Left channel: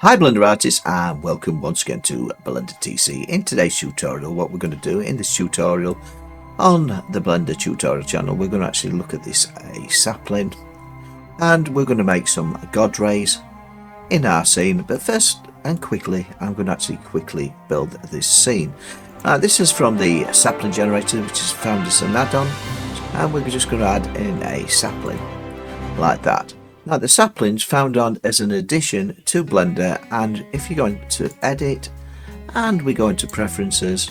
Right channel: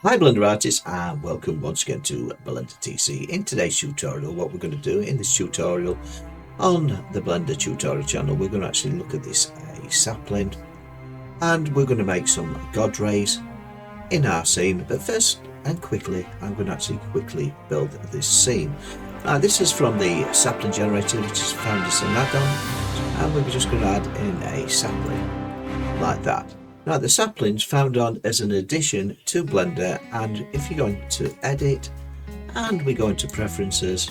Hi Blender artists, and welcome once again to Blender TC. In today's tutorial, what we're going to do in this tutorial on the Blender tutorial channel, we're going to actually look at this sapling, and we're going to make some god rays in our scene. But first and quickly, I'm going to actually quickly build this scene. This is from the sapling generator, which is found as an add-on, and we're just going to add in a sapling like that. Now the sapling's found on as an addition to Blender, and if you're going to edit and we go into preferences,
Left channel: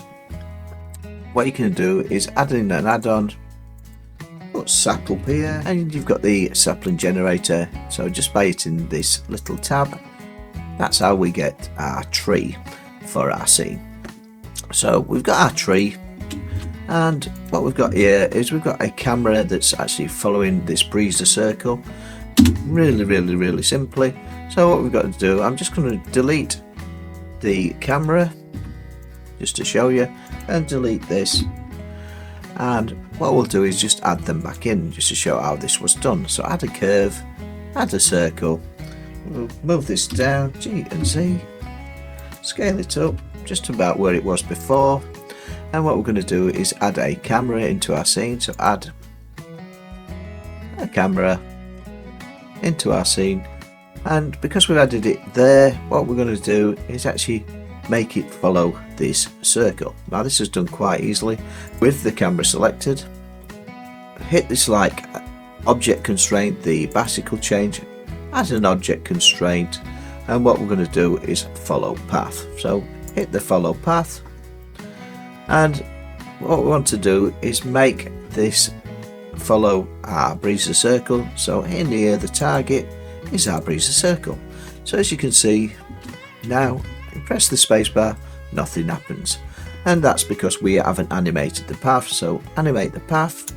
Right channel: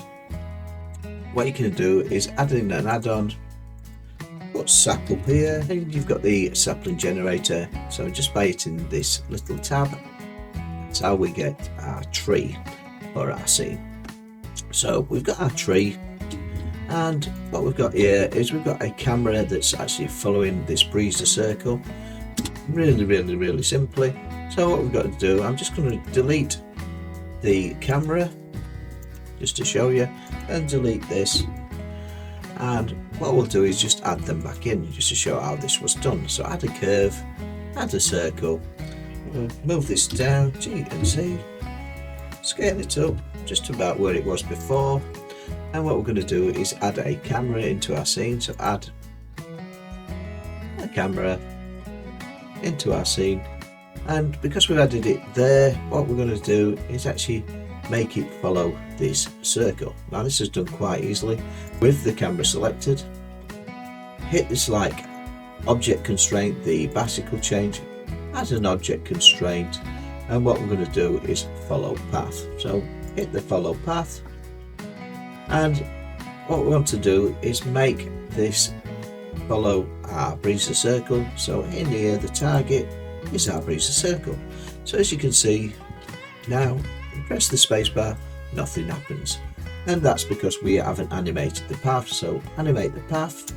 what you can do is add in an add-on, put sap up here, and you've got the sapling generator. So just by hitting this little tab, that's how we get our tree for our scene. So we've got our tree, and what we've got here is we've got a camera that's actually following this breezer circle. Really simply. So what we've got to do, I'm just going to delete the camera just to show you, and delete this, and what we'll do is just add them back in just to show how this was done. So add a curve, add a circle, we'll move this down, G and Z, scale it up just about where it was before, and what we're going to do is add a camera into our scene. So add a camera into our scene, and because we've added it there, what we're going to do is actually make it follow this circle. Now this is done quite easily with the camera selected. Hit this like object constraint, the bicycle change, as an object constraint, and what we're going to do is follow path. So hit the follow path, and what we want to do is make this follow our breezer circle. So in here the target is our breezer circle. So as you can see now, press the spacebar, nothing happens, and that's because we haven't animated the path. So animate the path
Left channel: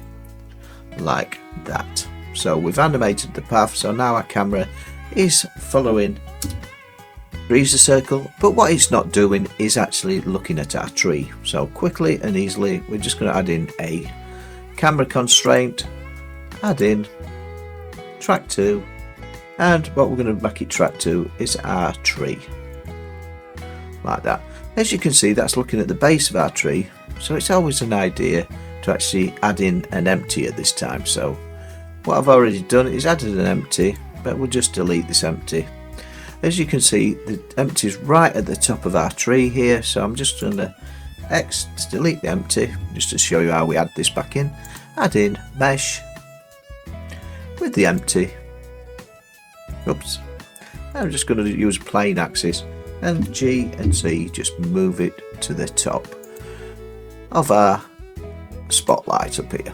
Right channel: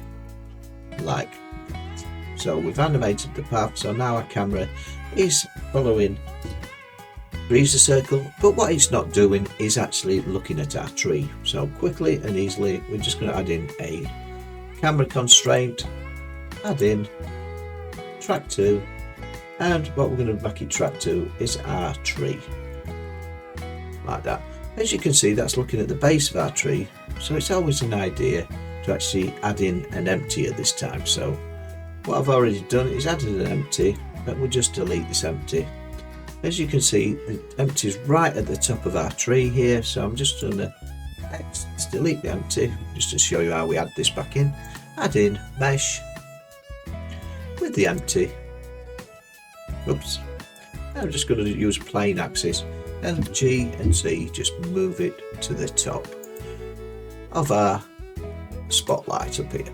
like that. So we've animated the path, so now our camera is following breezer circle, but what it's not doing is actually looking at our tree. So quickly and easily, we're just going to add in a camera constraint, add in track 2, and what we're going to make it track 2 is our tree like that. As you can see, that's looking at the base of our tree, so it's always an idea to actually add in an empty at this time. So what I've already done is added an empty, but we'll just delete this empty. As you can see, the empty is right at the top of our tree here, so I'm just going to X to delete the empty just to show you how we add this back in. Add in mesh with the empty. Oops. I'm just going to use plane axis, and G and Z just move it to the top of our spotlight up here.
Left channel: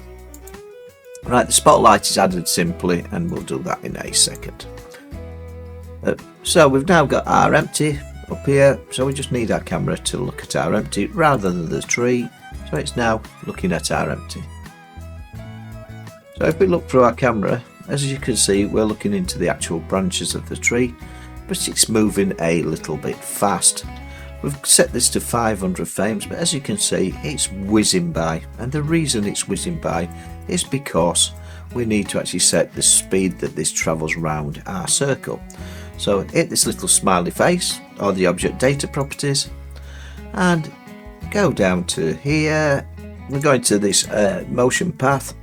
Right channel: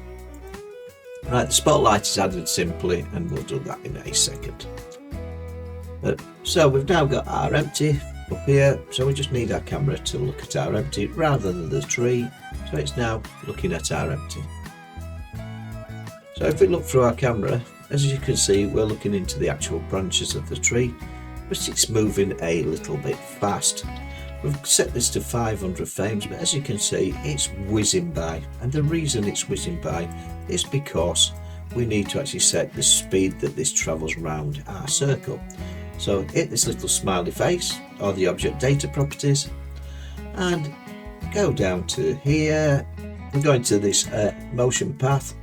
Right, the spotlight is added simply, and we'll do that in a second. So we've now got our empty up here, so we just need our camera to look at our empty rather than the tree. So it's now looking at our empty. So if we look through our camera, as you can see, we're looking into the actual branches of the tree, but it's moving a little bit fast. We've set this to 500 frames, but as you can see, it's whizzing by, and the reason it's whizzing by is because we need to actually set the speed that this travels around our circle. So hit this little smiley face or the object data properties, and go down to here. We're going to this motion path,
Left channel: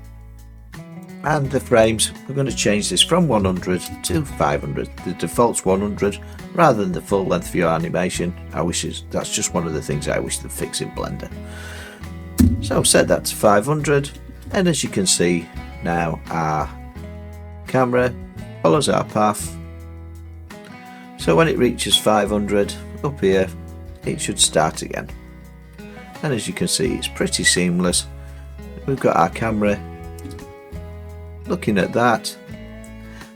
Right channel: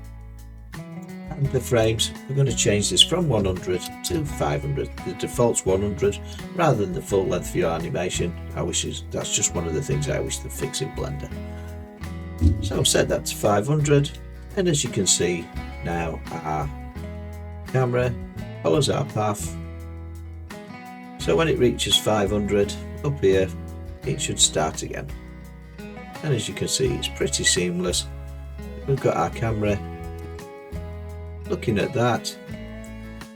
and the frames, we're going to change this from 100 to 500. The default's 100 rather than the full length of your animation. That's just one of the things I wish to fix in Blender. So set that to 500, and as you can see now, our camera follows our path. So when it reaches 500 up here, it should start again. And as you can see, it's pretty seamless. We've got our camera looking at that.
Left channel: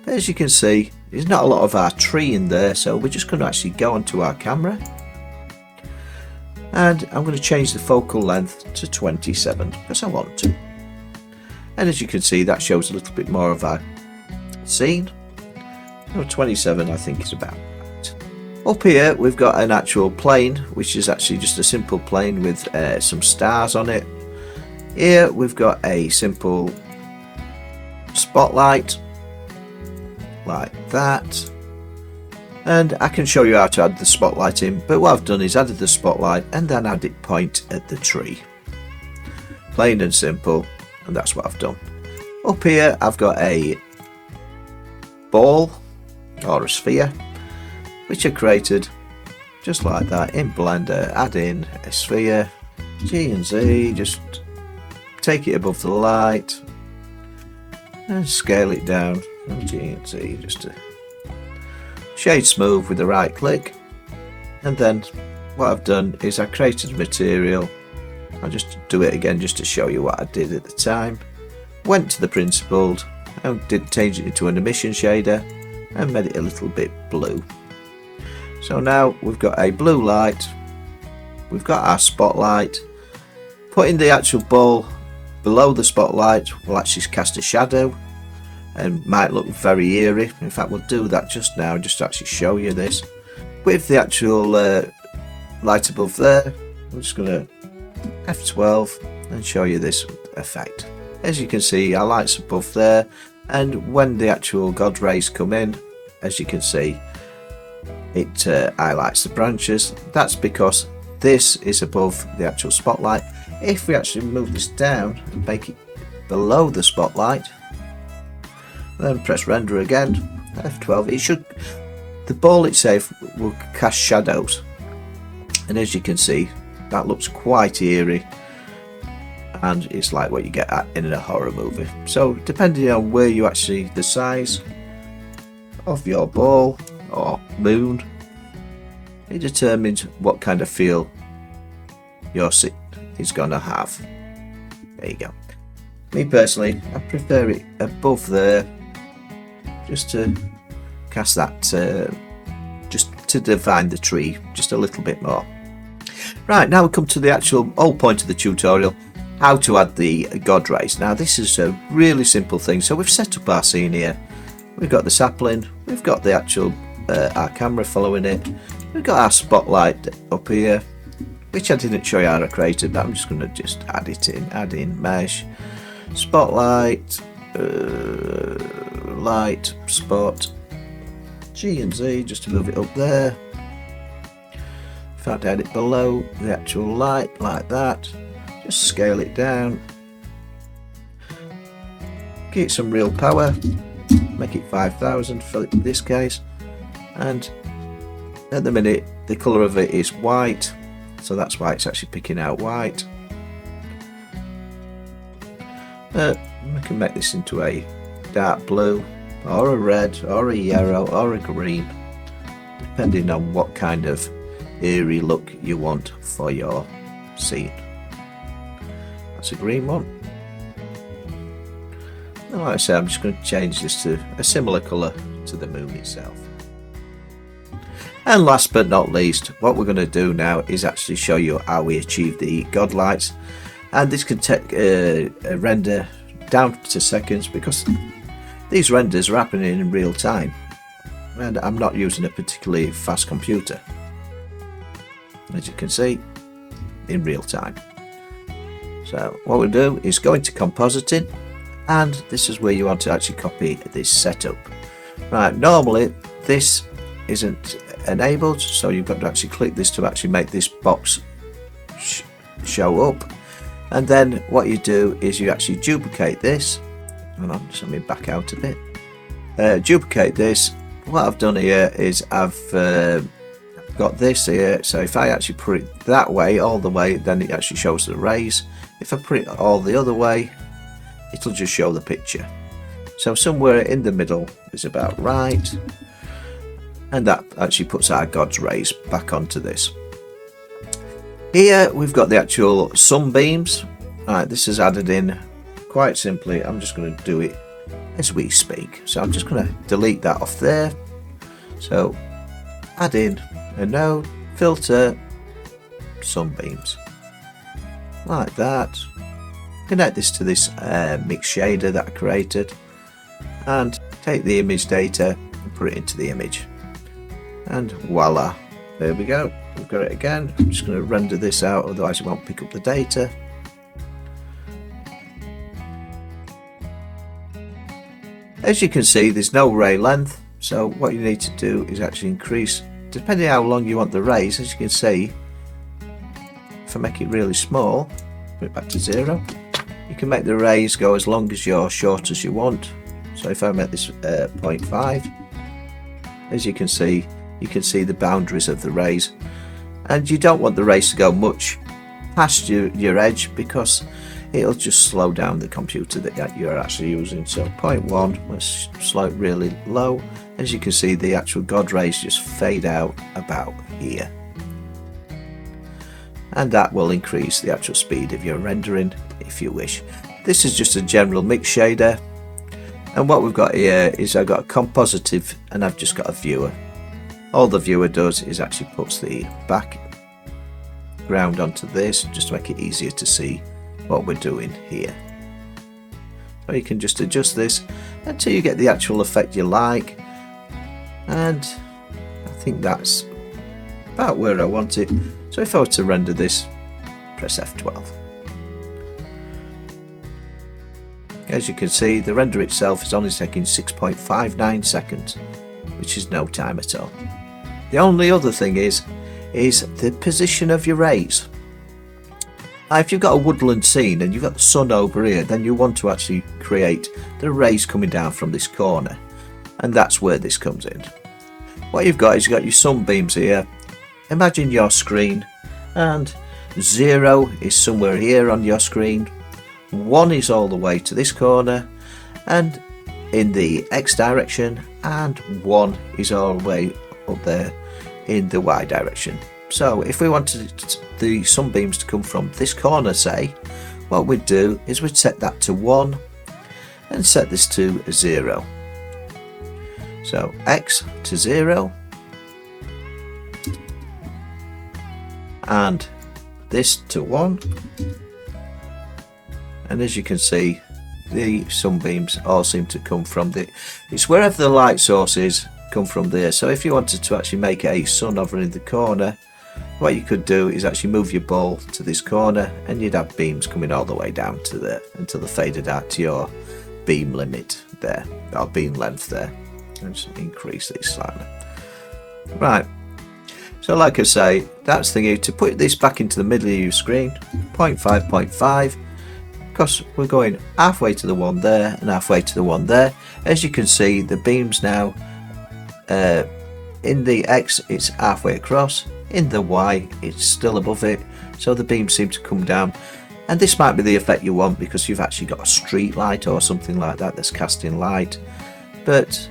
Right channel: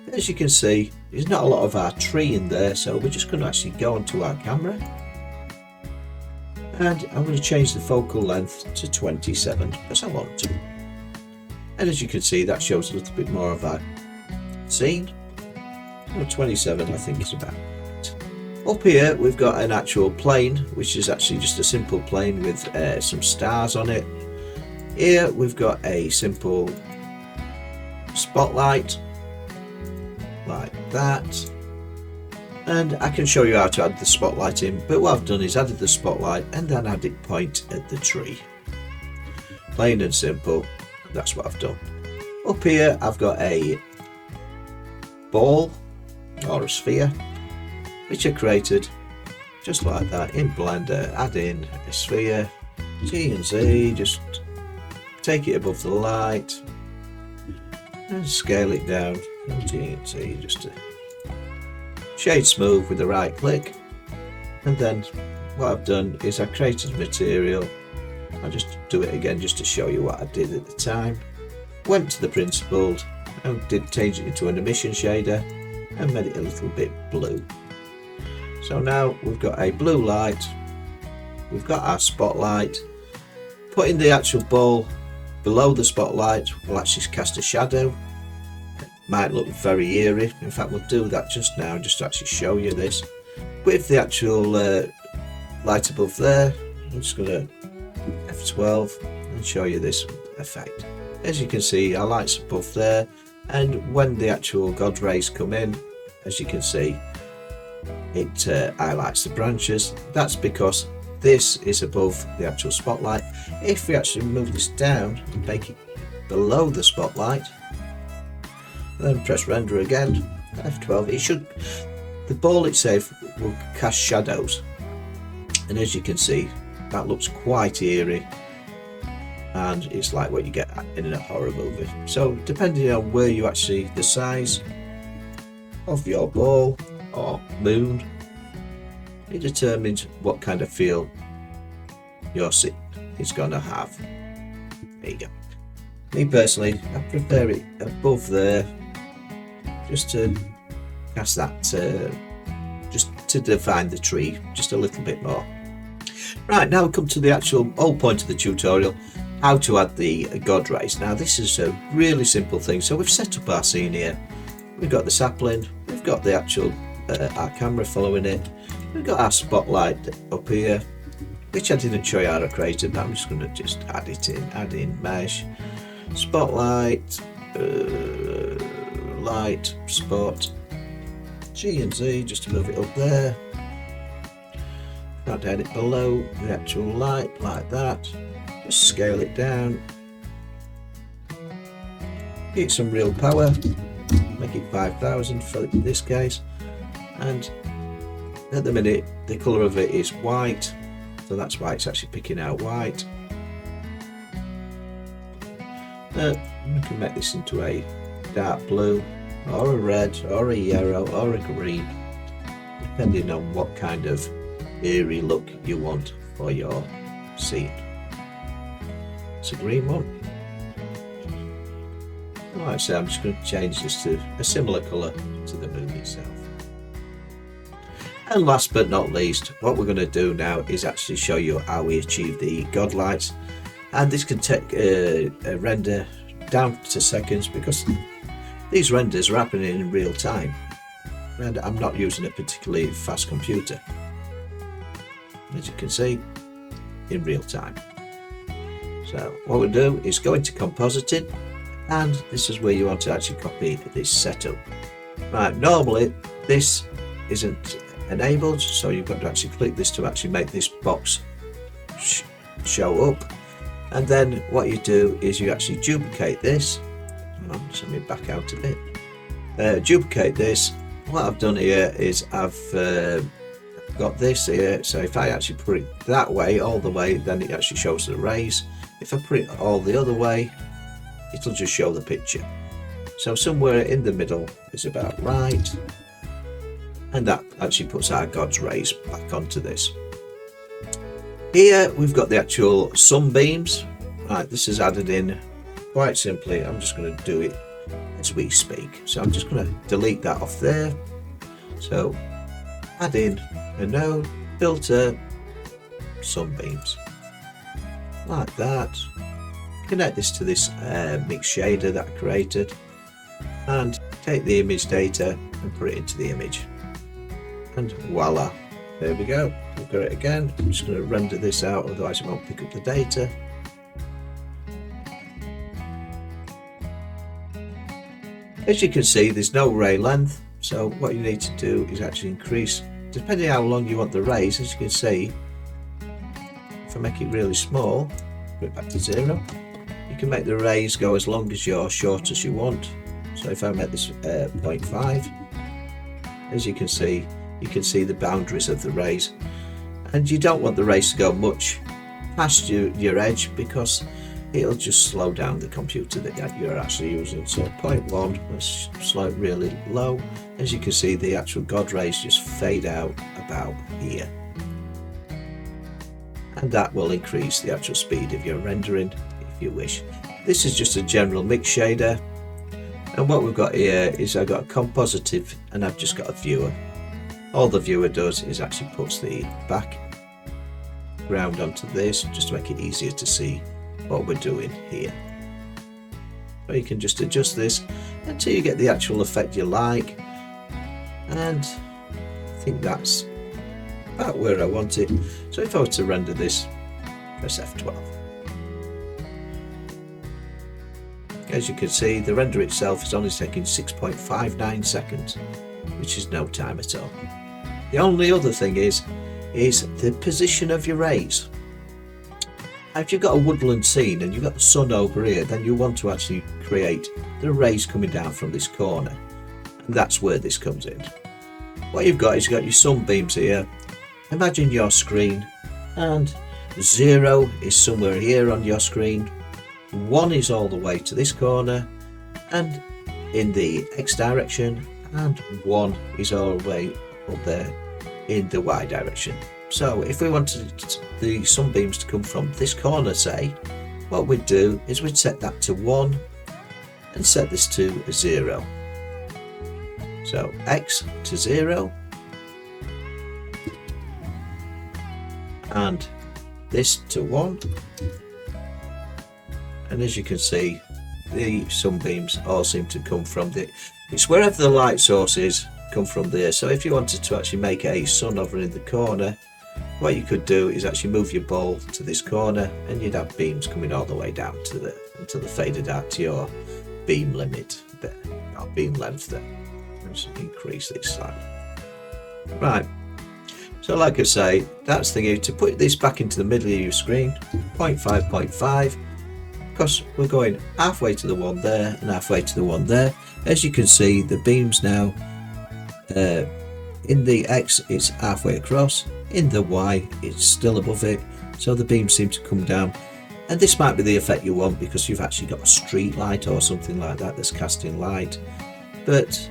As you can see, there's not a lot of our tree in there, so we're just going to actually go onto our camera, and I'm going to change the focal length to 27 because I want to. And as you can see, that shows a little bit more of our scene. 27 I think is about right. Up here we've got an actual plane, which is actually just a simple plane with some stars on it. Here we've got a simple spotlight like that. And I can show you how to add the spotlight in, but what I've done is added the spotlight and then added point at the tree. Plain and simple, and that's what I've done. Up here I've got a ball or a sphere which I created just like that in Blender. Add in a sphere, G and Z, just take it above the light and scale it down, G and Z, just to shade smooth with the right click. And then what I've done is I created material. I'll just do it again just to show you what I did at the time. Went to the principled and did change it into an emission shader and made it a little bit blue. So now we've got a blue light, we've got our spotlight. Putting the actual ball below the spotlight will actually cast a shadow and might look very eerie. In fact, we'll do that just now, just to actually show you this. With the actual light above there, I'm just going to F12 and show you this effect. As you can see, our light's above there, and when the actual God rays come in, as you can see, it highlights the branches. That's because this is above the actual spotlight. If we actually move this down and make it below the spotlight, then press render again, F12, the ball itself will cast shadows, and as you can see, that looks quite eerie, and it's like what you get in a horror movie. So depending on where you actually, the size of your ball or moon, it determines what kind of feel your scene is going to have. There you go. Me personally, I prefer it above there, just to cast that, just to define the tree just a little bit more. Right, now we come to the actual whole point of the tutorial, how to add the God rays. Now this is a really simple thing. So we've set up our scene here, we've got the sapling, we've got the actual our camera following it, we've got our spotlight up here, which I didn't show you how I created, but I'm just going to just add it in, add in mesh, spotlight, light, spot, G and Z, just to move it up there. If I down it below the actual light like that, just scale it down, give it some real power, make it 5000 for this case, and at the minute the colour of it is white, so that's why it's actually picking out white. We can make this into a dark blue, or a red, or a yellow, or a green, depending on what kind of eerie look you want for your scene. That's a green one. And like I say, I'm just going to change this to a similar colour to the moon itself. And last but not least, what we're going to do now is actually show you how we achieve the God lights. And this can take a render down to seconds, because these renders are happening in real time, and I'm not using a particularly fast computer, as you can see, in real time. So what we'll do is go into compositing, and this is where you want to actually copy this setup. Right, normally this isn't enabled, so you've got to actually click this to actually make this box show up. And then what you do is you actually duplicate this. Hold on, just let me back out of it. Duplicate this. What I've done here is I've got this here, so if I actually put it that way, all the way, then it actually shows the rays. If I put it all the other way, it'll just show the picture. So somewhere in the middle is about right, and that actually puts our God's rays back onto this. Here we've got the actual sunbeams. Right, this is added in quite simply. I'm just going to do it as we speak. So I'm just going to delete that off there. So add in a node, filter, sunbeams, like that. Connect this to this mix shader that I created, and take the image data and put it into the image, and voila, there we go. We've got it again. I'm just going to render this out, otherwise it won't pick up the data. As you can see, there's no ray length, So what you need to do is actually increase, depending how long you want the rays. As you can see, if I make it really small, put it back to 0, you can make the rays go as long as you're short as you want. So if I make this 0.5, as you can see the boundaries of the rays, and you don't want the rays to go much past your edge, because it'll just slow down the computer that you're actually using. So 0.1, let's slow it really low. As you can see, the actual God rays just fade out about here, and that will increase the actual speed of your rendering if you wish. This is just a general mix shader, and what we've got here is I've got a compositor and I've just got a viewer. All the viewer does is actually puts the background onto this, just to make it easier to see what we're doing here. So you can just adjust this until you get the actual effect you like, and I think that's about where I want it. So if I were to render this, press F12. As you can see, the render itself is only taking 6.59 seconds, which is no time at all. The only other thing is the position of your rays. Now, if you've got a woodland scene and you've got the sun over here, then you want to actually create the rays coming down from this corner, and that's where this comes in. What you've got is you've got your sunbeams here. Imagine your screen, and 0 is somewhere here on your screen, 1 is all the way to this corner and in the X direction, and 1 is all the way up there in the Y direction. So if we wanted the sunbeams to come from this corner, say, what we'd do is we'd set that to 1 and set this to 0. So X to 0, and this to 1, and as you can see, the sunbeams all seem to come from it's wherever the light source is, come from there. So if you wanted to actually make a sun over in the corner, what you could do is actually move your ball to this corner, and you'd have beams coming all the way down to there until they faded out to your beam limit there, or beam length there. Let's increase these slightly. Right, so like I say, that's the key to put this back into the middle of your screen. 0.5, 0.5, because we're going halfway to the one there and halfway to the one there. As you can see, the beams now, in the X it's halfway across, in the Y it's still above it, so the beams seem to come down. And this might be the effect you want, because you've actually got a street light or something like that that's casting light, but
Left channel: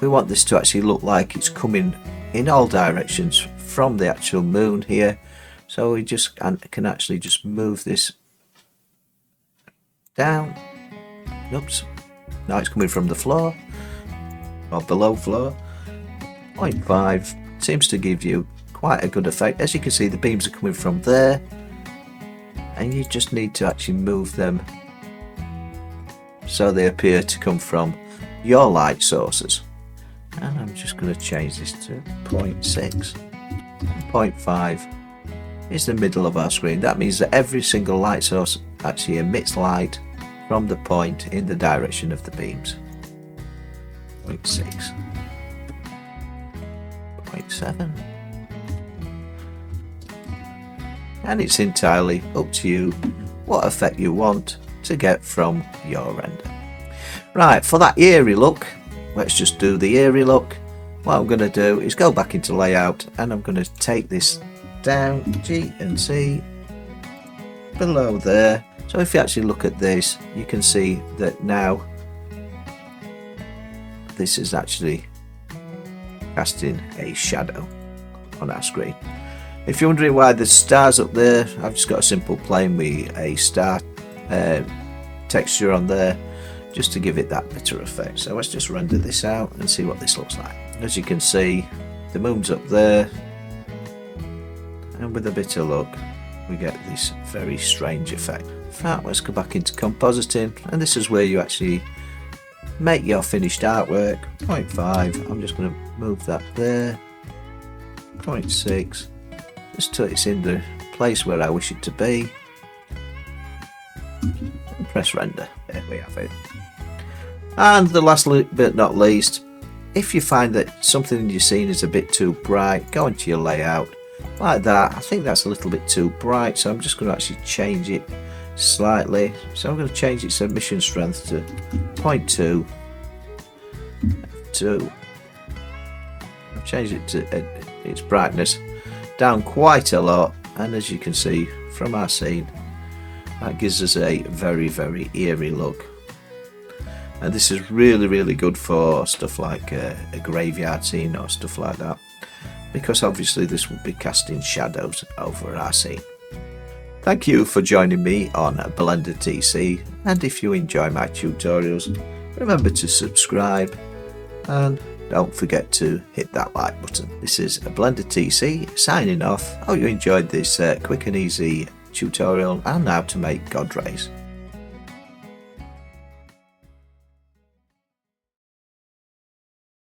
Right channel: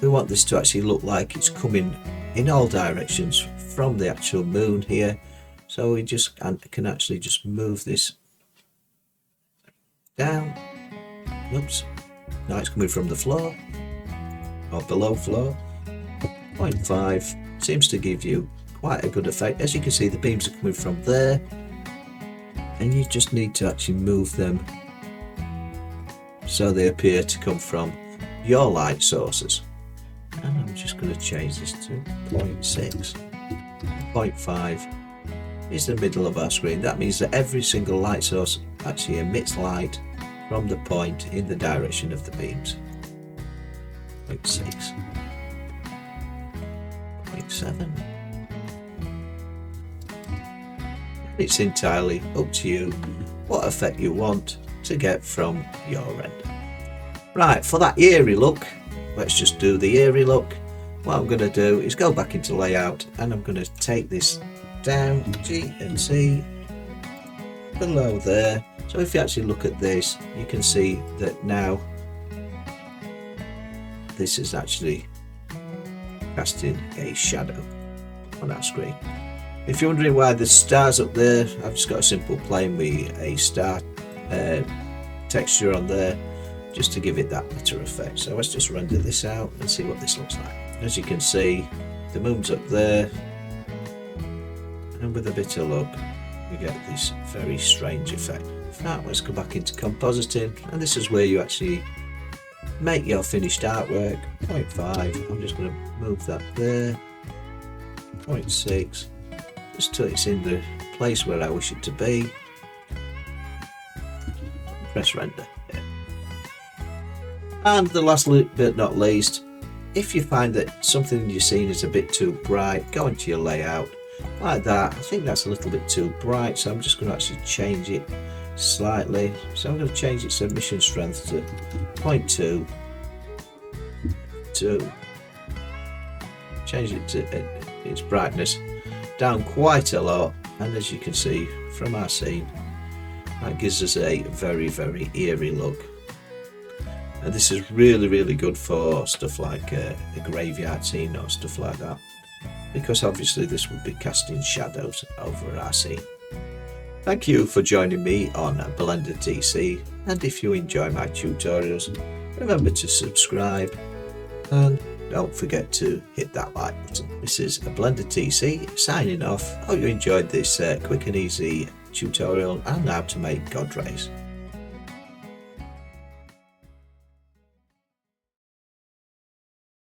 we want this to actually look like it's coming in all directions from the actual moon here. So we just can actually just move this down. Oops, now it's coming from the floor or below floor. 0.5 seems to give you quite a good effect. As you can see, the beams are coming from there, and you just need to actually move them so they appear to come from your light sources. And I'm just going to change this to 0.6. 0.5 is the middle of our screen. That means that every single light source actually emits light from the point in the direction of the beams. 0.6, 0.7, and it's entirely up to you what effect you want to get from your render. Right, for that eerie look, let's just do the eerie look. What I'm going to do is go back into layout, and I'm going to take this down, G and C, below there. So if you actually look at this, you can see that now this is actually casting a shadow on our screen. If you're wondering why the stars up there, I've just got a simple plane with a star texture on there, just to give it that better effect. So let's just render this out and see what this looks like. As you can see, the moon's up there, and with a bit of luck we get this very strange effect. Right, let's go back into compositing, and this is where you actually make your finished artwork. 0.5, I'm just going to move that there. 0.6, just till it's in the place where I wish it to be, and press render. There we have it. And the last but not least, If you find that something you're seeing is a bit too bright, go into your layout like that. I think that's a little bit too bright, so I'm just going to actually change it slightly. So I'm going to change its emission strength to 0.2 to change it to its brightness down quite a lot, and as you can see from our scene, that gives us a very eerie look. And this is really good for stuff like a graveyard scene or stuff like that, because obviously this would be casting shadows over our scene. Thank you for joining me on Blender TC, and if you enjoy my tutorials, remember to subscribe and don't forget to hit that like button. This is Blender TC signing off. Hope you enjoyed this quick and easy tutorial on how to make God rays.